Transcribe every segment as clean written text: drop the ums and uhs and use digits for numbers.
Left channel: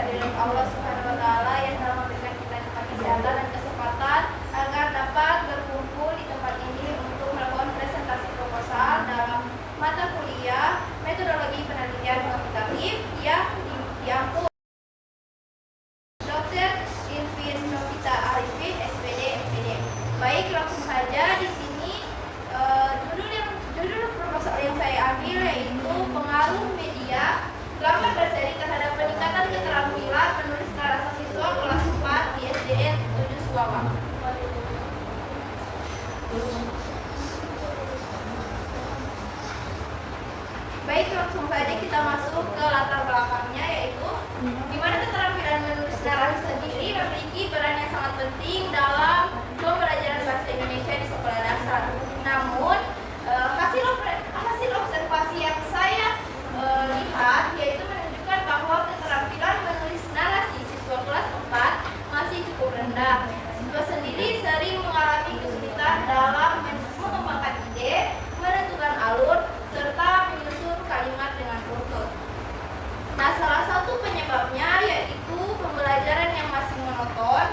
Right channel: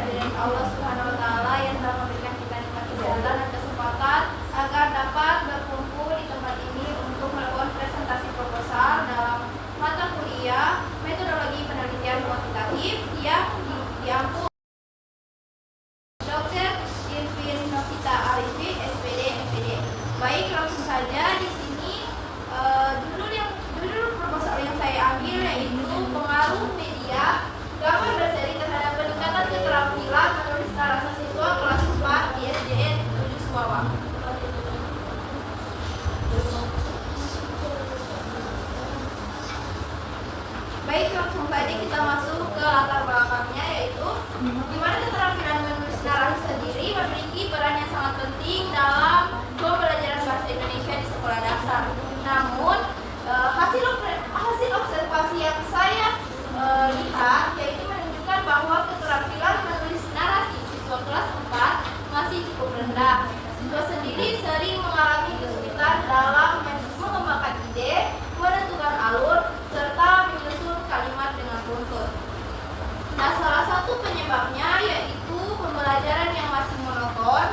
kehadiran Allah Subhanahu wa taala yang telah memberikan kita nikmat kesehatan dan kesempatan agar dapat berkumpul di tempat ini untuk melakukan presentasi proposal dalam mata kuliah metodologi penelitian kuantitatif yang diampu Dr. Irvin Novita Arifin, SPD, FPD. Baik, langsung saja di sini judul proposal yang saya ambil yaitu pengaruh media gambar berseri terhadap peningkatan keterampilan menulis narasi siswa kelas 4 di SDN 7 Suwawa. Baik, langsung saja kita masuk ke latar belakangnya, yaitu di mana keterampilan menulis narasi sendiri memiliki peran yang sangat penting dalam pembelajaran bahasa Indonesia di sekolah dasar. Namun hasil observasi yang saya lihat yaitu menunjukkan bahwa keterampilan menulis narasi siswa kelas 4 masih cukup rendah. Siswa sendiri sering mengalami kesulitan dalam mengembangkan ide, menentukan alur, serta menyusun kalimat dengan runtut. Nah, salah satu penyebabnya yaitu pembelajaran yang masih monoton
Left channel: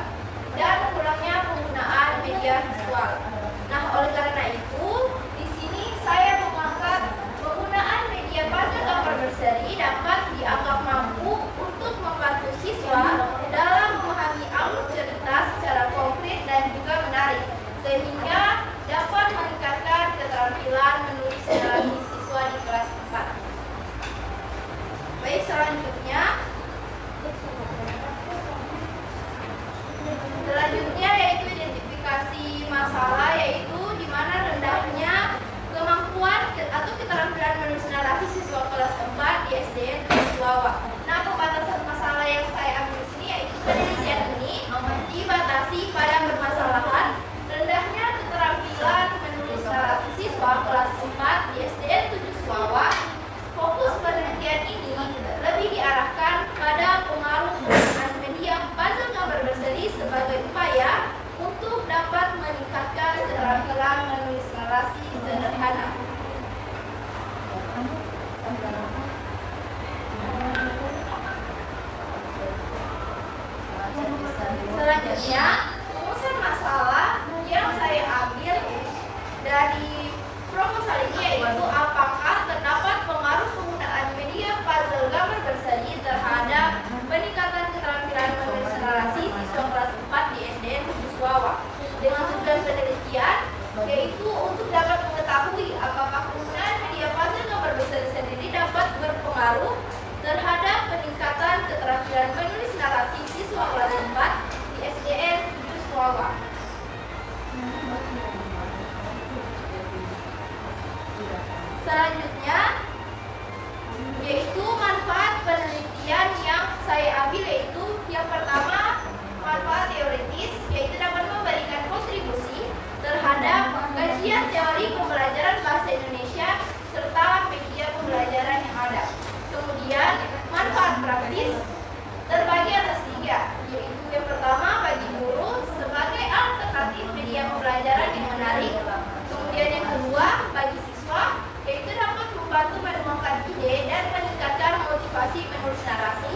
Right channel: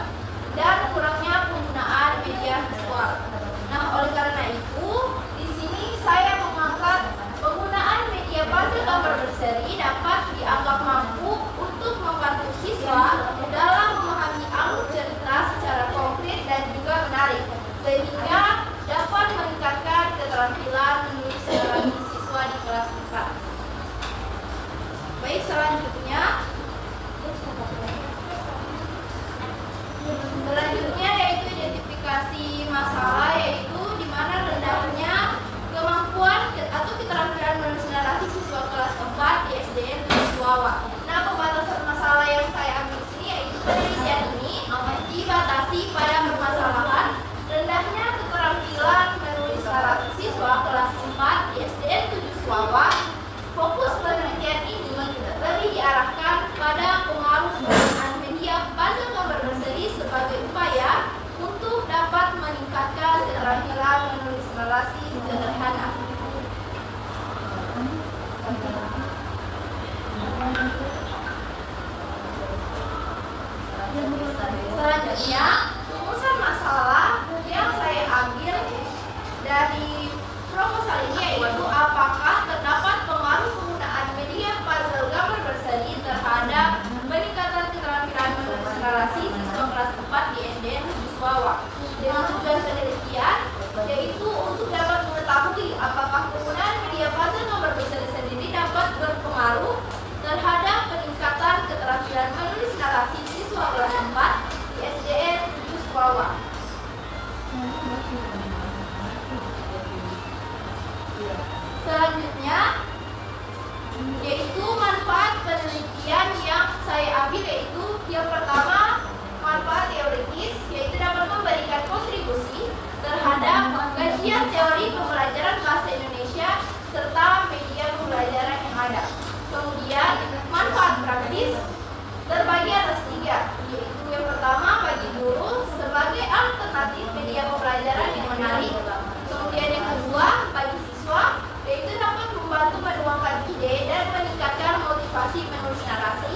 dan kurangnya penggunaan media visual. Nah, oleh karena itu, di sini saya mengangkat penggunaan media puzzle gambar berseri dapat dianggap mampu untuk membantu siswa dalam memahami alur cerita secara konkret dan juga menarik, sehingga dapat meningkatkan keterampilan menulis narasi siswa di kelas 4. Baik, selanjutnya yaitu identifikasi masalah, yaitu di mana rendahnya kemampuan atau keterampilan menulis narasi siswa kelas 4 di SDN 7 Suwawa. Nah, pembatasan masalah yang saya ambil di sini yaitu penelitian ini dibatasi pada permasalahan rendahnya keterampilan menulis narasi siswa kelas 4 di SDN 7 Suwawa. Fokus penelitian ini lebih diarahkan pada pengaruh penggunaan media puzzle gambar berseri sebagai upaya untuk dapat meningkatkan keterampilan menulis narasi sederhana. Selanjutnya, rumusan masalah yang saya ambil dari proposal ini yaitu apakah terdapat pengaruh penggunaan media puzzle gambar berseri terhadap peningkatan keterampilan menulis narasi siswa kelas 4 di SDN 7 Suwawa. Dengan tujuan penelitian yaitu untuk dapat mengetahui apakah penggunaan media puzzle gambar berseri sendiri dapat berpengaruh terhadap peningkatan keterampilan menulis narasi siswa kelas 4 di SDN 7 Suwawa. Selanjutnya yaitu manfaat penelitian yang saya ambil, yaitu yang pertama manfaat teoritis, yaitu dapat memberikan kontribusi terhadap kajian teori pembelajaran bahasa Indonesia serta media pembelajaran yang ada. Kemudian manfaat praktis terbagi atas 3, yaitu yang pertama bagi guru sebagai alternatif media pembelajaran yang menarik. Kemudian yang kedua bagi siswa, yaitu dapat membantu menuangkan ide dan meningkatkan motivasi menulis narasi.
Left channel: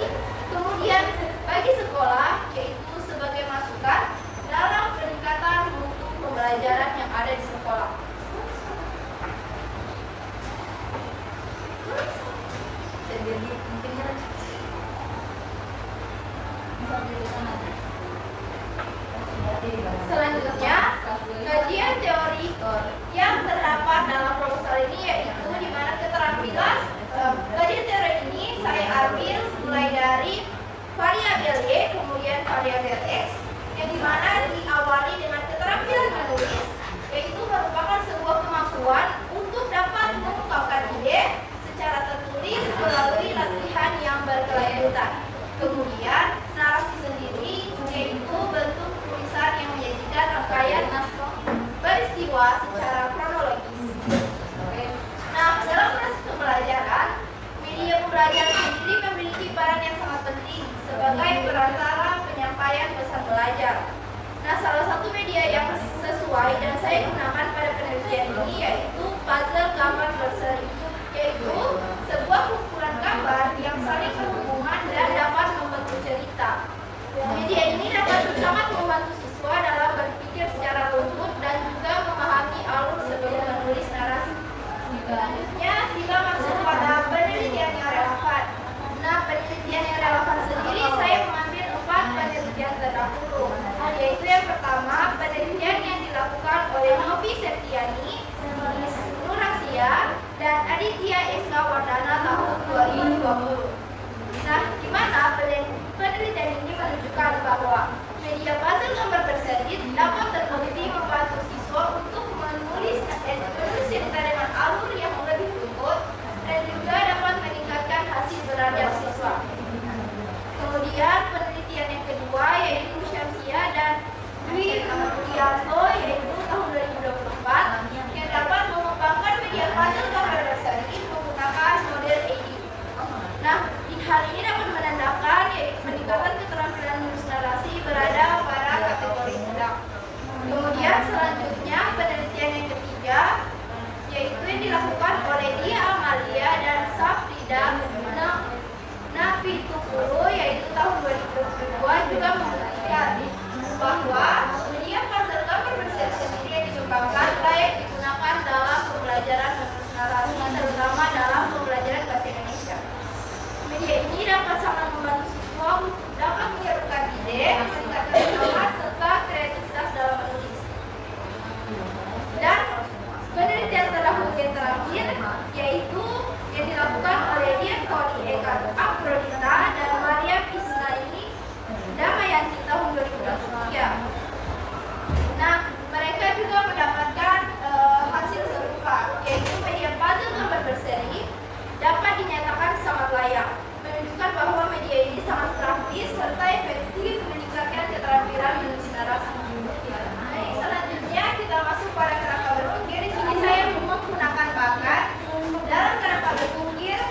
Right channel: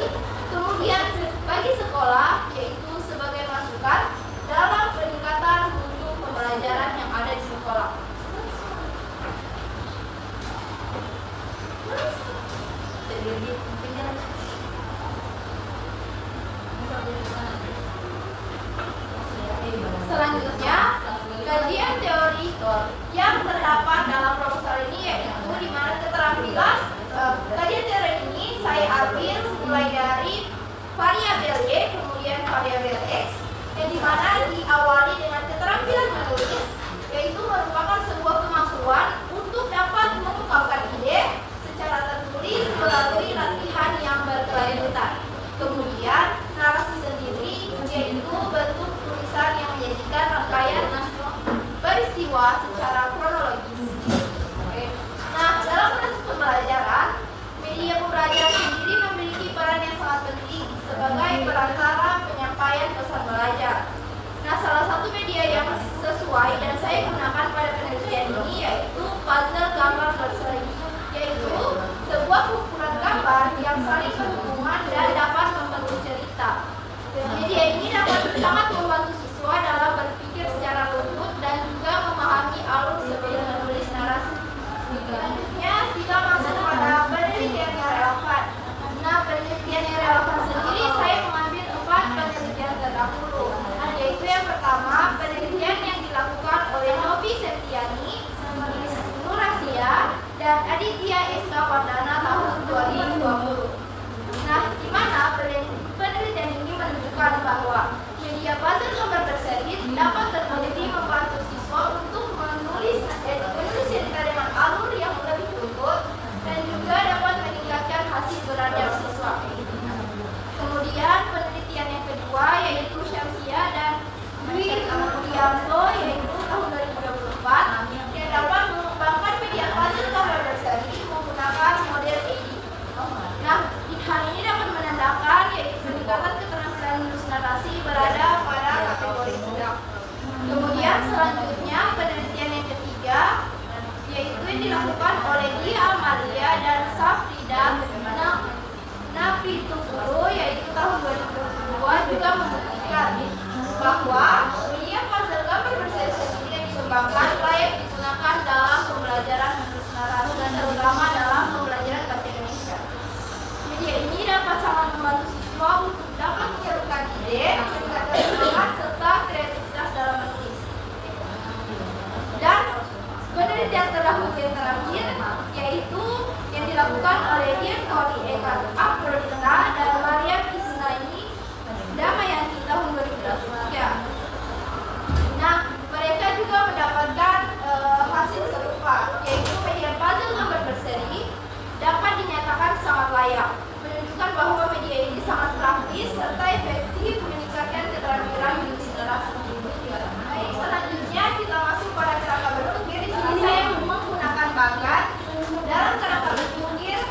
Kemudian bagi sekolah, yaitu sebagai masukan dalam peningkatan mutu pembelajaran yang ada di sekolah. Selanjutnya, kajian teori yang terdapat dalam proposal ini yaitu di mana keterampilan kajian teori ini saya ambil mulai dari variabel Y, kemudian variabel X, yang dimana diawali dengan keterampilan menulis, yaitu merupakan sebuah kemampuan untuk dapat mengungkapkan ide secara tertulis melalui latihan yang berkelanjutan. Kemudian narasi sendiri yaitu bentuk tulisan yang menyajikan rangkaian peristiwa secara kronologis. Nah, dalam proses pembelajaran, media pembelajaran sendiri memiliki peran yang sangat penting sebagai perantara penyampaian pesan belajar. Nah, salah satu media yang sesuai dan saya gunakan pada penelitian ini yaitu puzzle gambar berseri, yaitu sebuah kumpulan gambar yang saling berhubungan dan dapat membentuk dan Aditya SK Wardana tahun 2020. Nah, di mana penelitian ini menunjukkan bahwa media puzzle gambar berseri dapat terbukti membantu siswa untuk menulis cerita dengan alur yang lebih runtut dan juga dapat meningkatkan hasil beradab siswa. Kemudian penelitian yang kedua yaitu Syamsia dan Dwi Wiyanto yaitu tahun 2024 yang dapat mengembangkan media puzzle gambar berseri menggunakan model AD. Nah, hal ini dapat menandakan yaitu peningkatan keterampilan menulis narasi berada pada kategori sedang. Kemudian selanjutnya penelitian yang ketiga yaitu yang dilakukan oleh Dia Amalia dan Safrida Napitukulu yaitu tahun 2022 juga membuktikan bahwa media puzzle gambar berseri sendiri yang dikembangkan layak digunakan dalam pembelajaran menulis narasi terutama dalam pembelajaran bahasa Indonesia. Media ini dapat sangat membantu siswa untuk dapat menyalurkan ide, meningkatkan semangat serta kreativitas dalam menulis. Dan penelitian terdahulu yang terakhir yaitu yang dilakukan oleh Dian Kori Eka Aprodita dan Maria Krisnaini Damayanti tahun 2023. Nah, mereka juga mendapatkan hasil serupa yaitu media puzzle gambar berseri dapat dinyatakan sangat layak, menunjukkan bahwa media ini sangat praktis serta efektif meningkatkan keterampilan menulis narasi. Baik, selanjutnya kita masuk pada kerangka berpikir. Di sini saya menggunakan bakat dalam kerangka berpikir.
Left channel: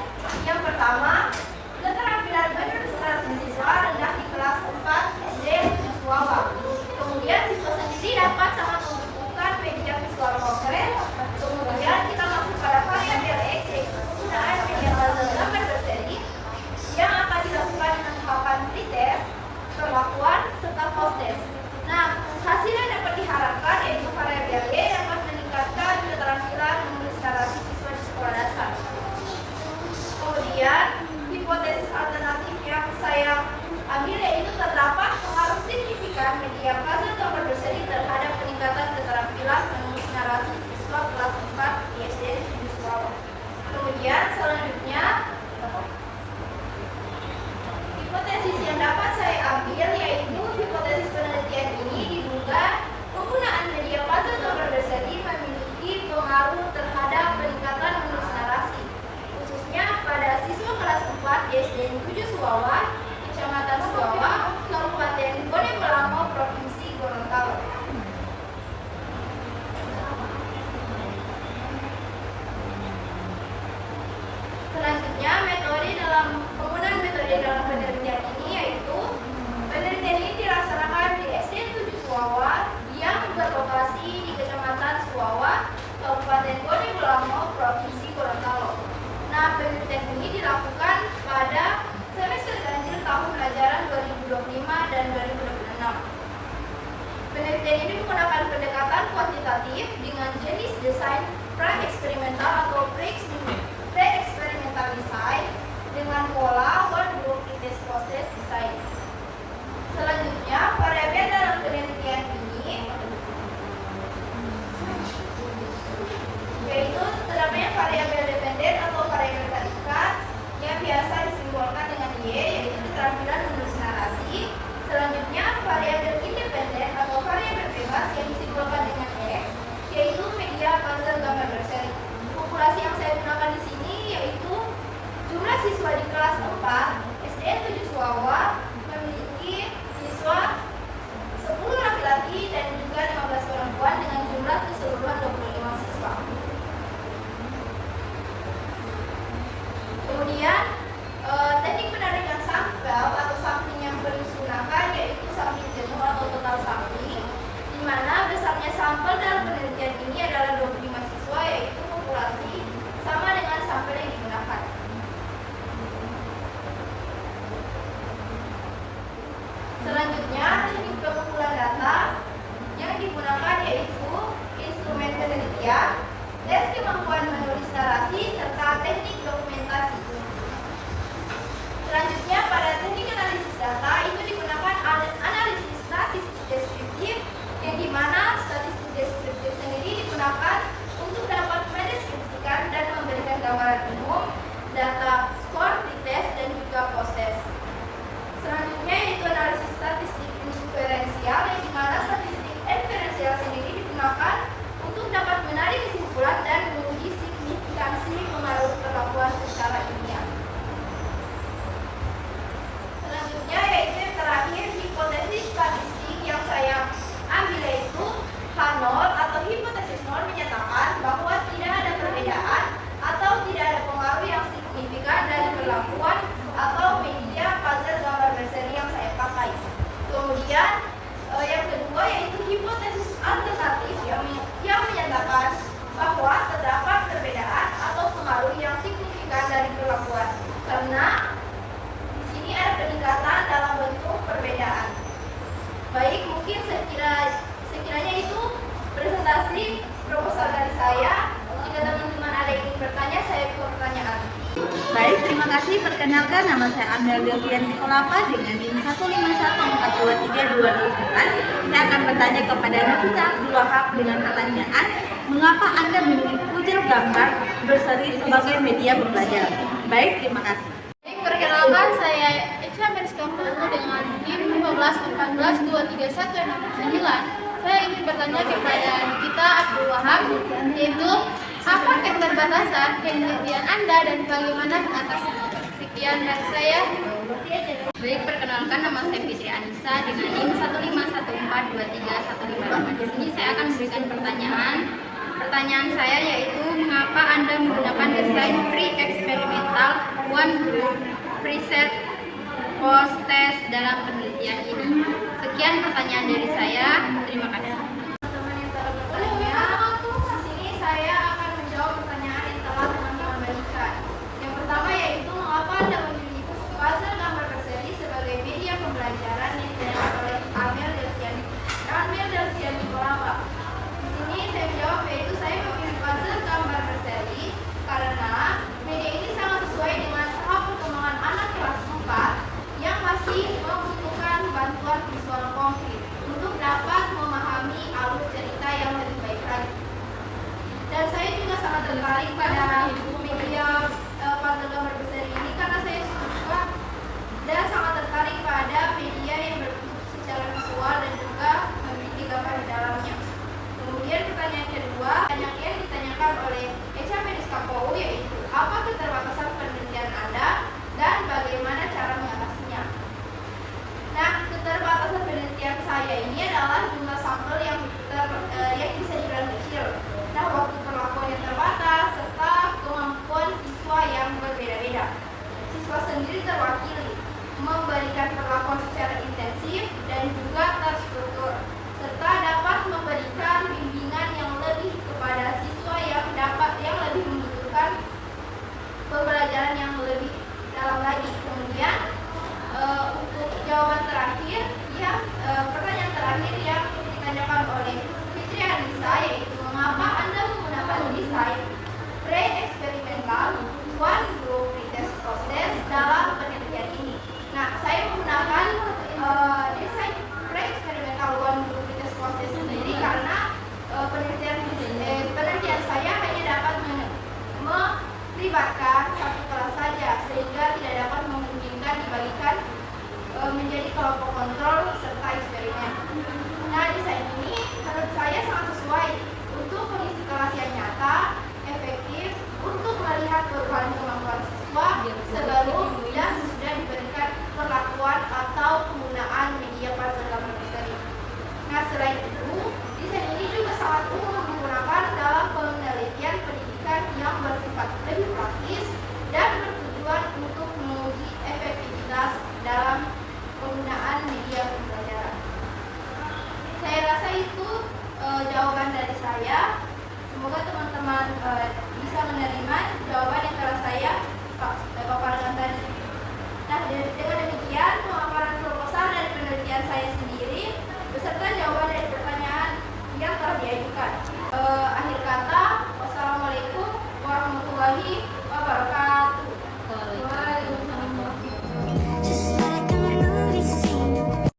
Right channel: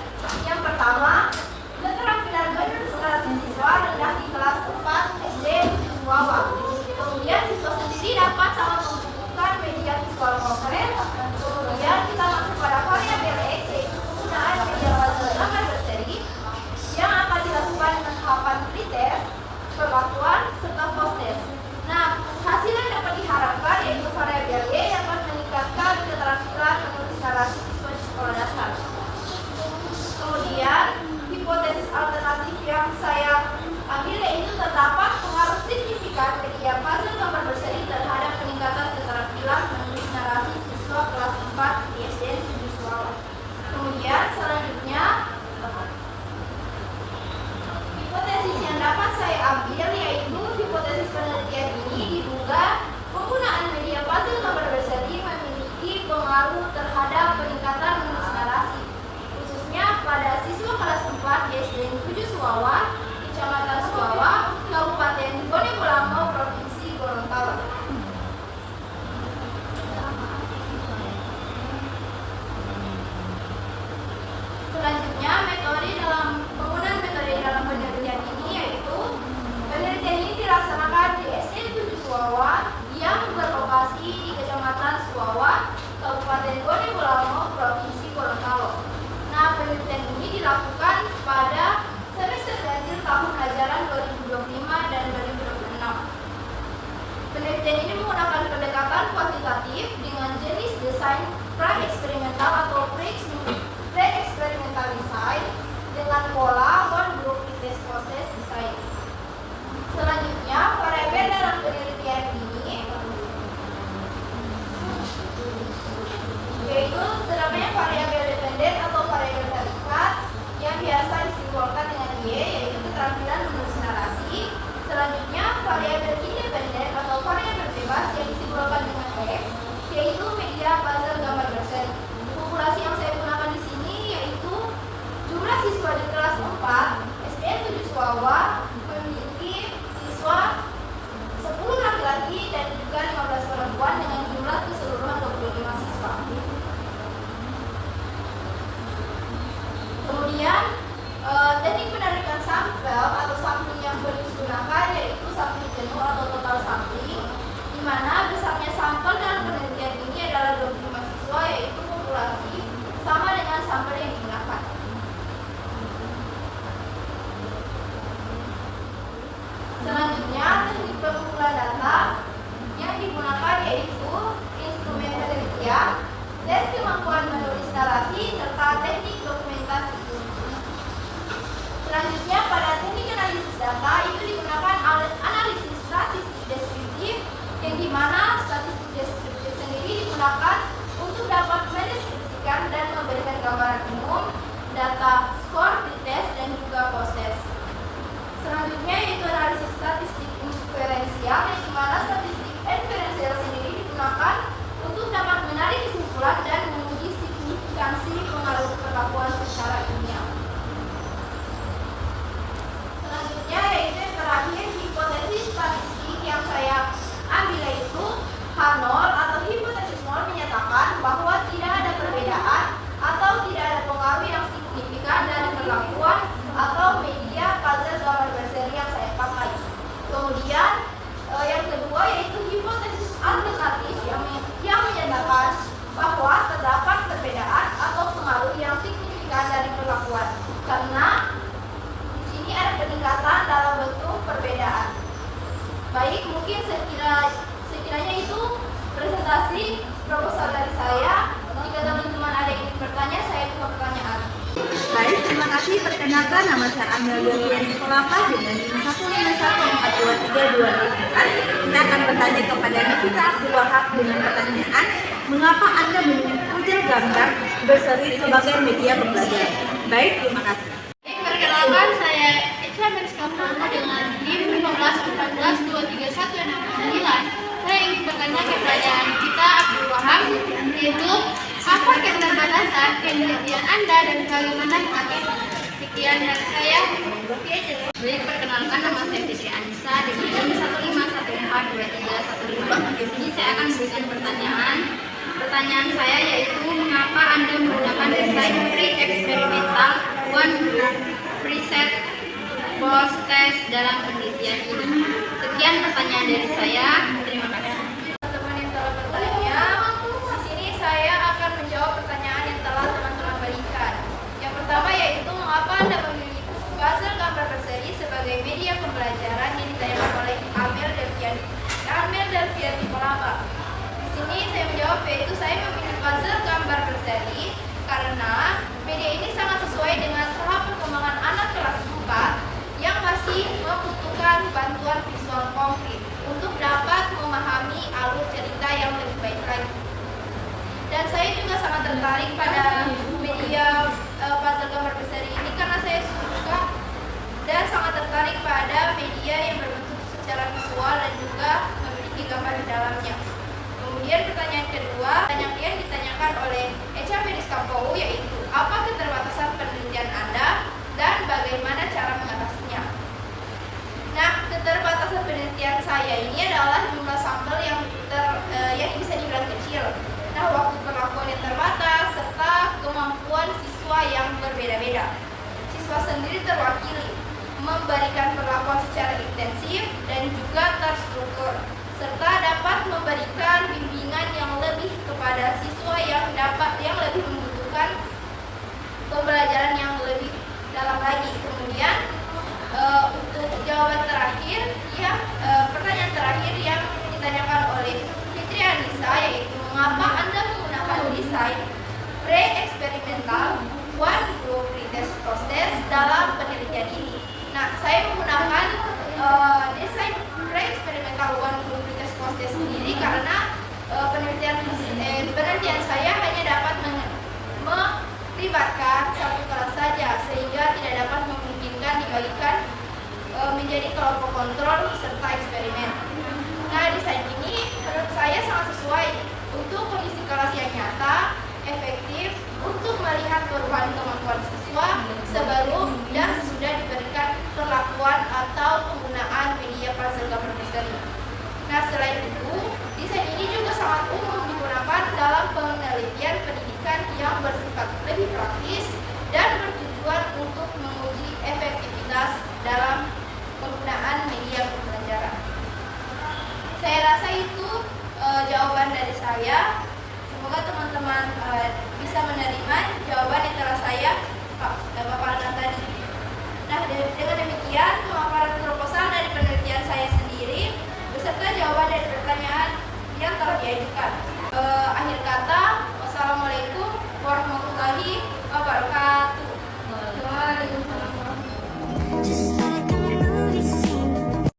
Yang pertama, keterampilan menulis narasi siswa rendah di kelas 4 SD siswa. Kemudian siswa sendiri dapat sangat membutuhkan media visual konkret. Kemudian kita masuk pada variabel X yaitu penggunaan media puzzle gambar berseri yang akan dilakukan dengan tahapan pretest, perlakuan, serta post-test. Nah, hasil yang dapat diharapkan yaitu variabel Y yang dapat meningkatkan keterampilan menulis narasi siswa di sekolah dasar. Kemudian, hipotesis alternatif yang saya ambil yaitu terdapat pengaruh signifikan media puzzle gambar berseri terhadap peningkatan keterampilan menulis narasi siswa kelas 4 di SD Negeri Suawa. Kemudian selanjutnya hipotesis yang dapat saya ambil yaitu hipotesis penelitian ini diduga penggunaan media puzzle gambar berseri memiliki pengaruh terhadap peningkatan menulis narasi, khususnya pada siswa kelas 4 di SD 7 Suawa, Kecamatan Suawa, Kabupaten Bone Bolango, Provinsi Gorontalo. Selanjutnya, penggunaan metode dalam penelitian ini yaitu penelitian ini dilaksanakan di SD 7 Suawa yang berlokasi di Kecamatan Suawa, Kabupaten Bone Bolango, Provinsi Gorontalo. Nah, penelitian ini dilakukan pada semester ganjil tahun ajaran 2025 dan 2026. Penelitian ini menggunakan pendekatan kuantitatif dengan jenis desain pra-eksperimental atau pre-eksperimental design dengan pola one group pretest process design. Selanjutnya, variabel dalam penelitian ini yaitu terdapatnya variabel dependen atau variabel predikat yang biasa disimbolkan dengan Y yaitu keterampilan menulis narasi. Selanjutnya, variabel independen atau variabel bebas yang disimbolkan dengan X yaitu media puzzle gambar berseri. Populasi yang saya gunakan di sini yaitu jumlah siswa di kelas 4 SDN 7 Suawa memiliki siswa 10 laki-laki dan juga 15 perempuan dengan jumlah keseluruhan 25 siswa. Kemudian teknik penarikan sampel atau sampling yang digunakan yaitu sampling jenuh atau total sampling, di mana besarnya sampel dalam penelitian ini adalah 25 siswa yaitu populasi sama dengan sampel yang digunakan. Selanjutnya, teknik pengumpulan data yang digunakan yaitu instrumen penelitian, tes kemampuan menulis narasi, serta teknik dokumentasi. Selanjutnya, pada teknik analisis data itu digunakan analisis statistik deskriptif yang dimana statistik deskriptif sendiri digunakan untuk dapat mendeskripsikan dan memberikan Baik, mungkin sekiranya itu presentasi proposal dari saya. Jika teman-teman ada yang ingin bertanya, saya buka pertanyaan. Baik, terima kasih. Perkenalkan, nama saya Amel Delvian Nikolapa dengan NIM 1514232. Kita akan bertanya kepada Nafita Abdul Wahab dengan pertanyaan, mengapa Anda memilih Google Gambar berseri sebagai media pembelajaran? Baik, terima kasih. Perkenalkan, saya Echa Merskampolu dengan NIM 151423169. Saya ingin bertanya kepada Nafita Abdul Wahab, yaitu apa keterbatasan penelitian Anda dan bagaimana mengatasinya? Sekian dari saya. Baik, perkenalkan, nama saya Fitri Anissa dengan NIM 151423155. Di sini saya akan memberikan pertanyaan. Pertanyaan saya yaitu, mengapa Anda menggunakan desain pre-eksperimental one group preset post test dalam penelitian ini? Sekian pertanyaan dari saya. Terima kasih. Teman-teman yang telah bertanya, di sini saya akan menjawab pertanyaan yang telah teman-teman berikan. Yang pertama yaitu, mengapa Anda memilih puzzle gambar berseri sebagai media pembelajaran yang ditanyakan oleh Amel Delvian Nikolapa. Di sini saya menjawab yaitu saya memilih puzzle gambar berseri karena media ini sangat sesuai dengan tahap perkembangan anak kelas 4 yang masih membutuhkan bantuan visual konkret untuk dapat memahami alur cerita yang lebih baik lagi. Dan saya juga sangat tertarik pada media puzzle gambar berseri ini karena saya suka dan sangat tertarik pada media yang berbentuk secara visual dan juga memiliki gambar di dalamnya. Kemudian pertanyaan kedua yang ditanyakan oleh Echa Merskampolu yaitu, apa keterbatasan penelitian Anda dan bagaimana cara mengatasinya? Nah, keterbatasan penelitian saya ini adalah jumlah sampel yang bisa dibilang kecil. Nah, waktu perlakuan yang terbatas serta kemampuan siswa yang berbeda-beda. Siswa sendiri terwakili memberikan perlakuan secara intensif dan juga terstruktur, serta dapat memberikan bimbingan yang lebih kepada siswa yang lebih membutuhkan pembelajaran yang lebih dalam lagi. Kemudian untuk jawaban terakhir, pertanyaan terakhir yang ditanyakan oleh Fitri Anissa yaitu, mengapa Anda menggunakan desain pre-eksperimental one group pretest process dalam penelitian ini? Nah, saya menggunakan desain pre-eksperimental one group pretest process sendiri karena penelitian saya hanya dapat melibatkan satu kelas saja, sehingga tidak dapat memungkinkan dibagikan menjadi kelompok kontrol serta eksperimen. Nah, desain ini menurut saya sangat sesuai untuk kondisi kelas yang nyata, efektif untuk melihat perubahan kemampuan siswa sebelum dan sesudah diberikan perlakuan atau penggunaan media puzzle gambar berseri. Nah, selain itu, desain ini juga sangat umum digunakan dalam penelitian pendidikan yang bersifat lebih praktis dan bertujuan untuk menguji efektivitas dalam penggunaan media pembelajaran. Saya rasa itu jawaban dari saya. Semoga teman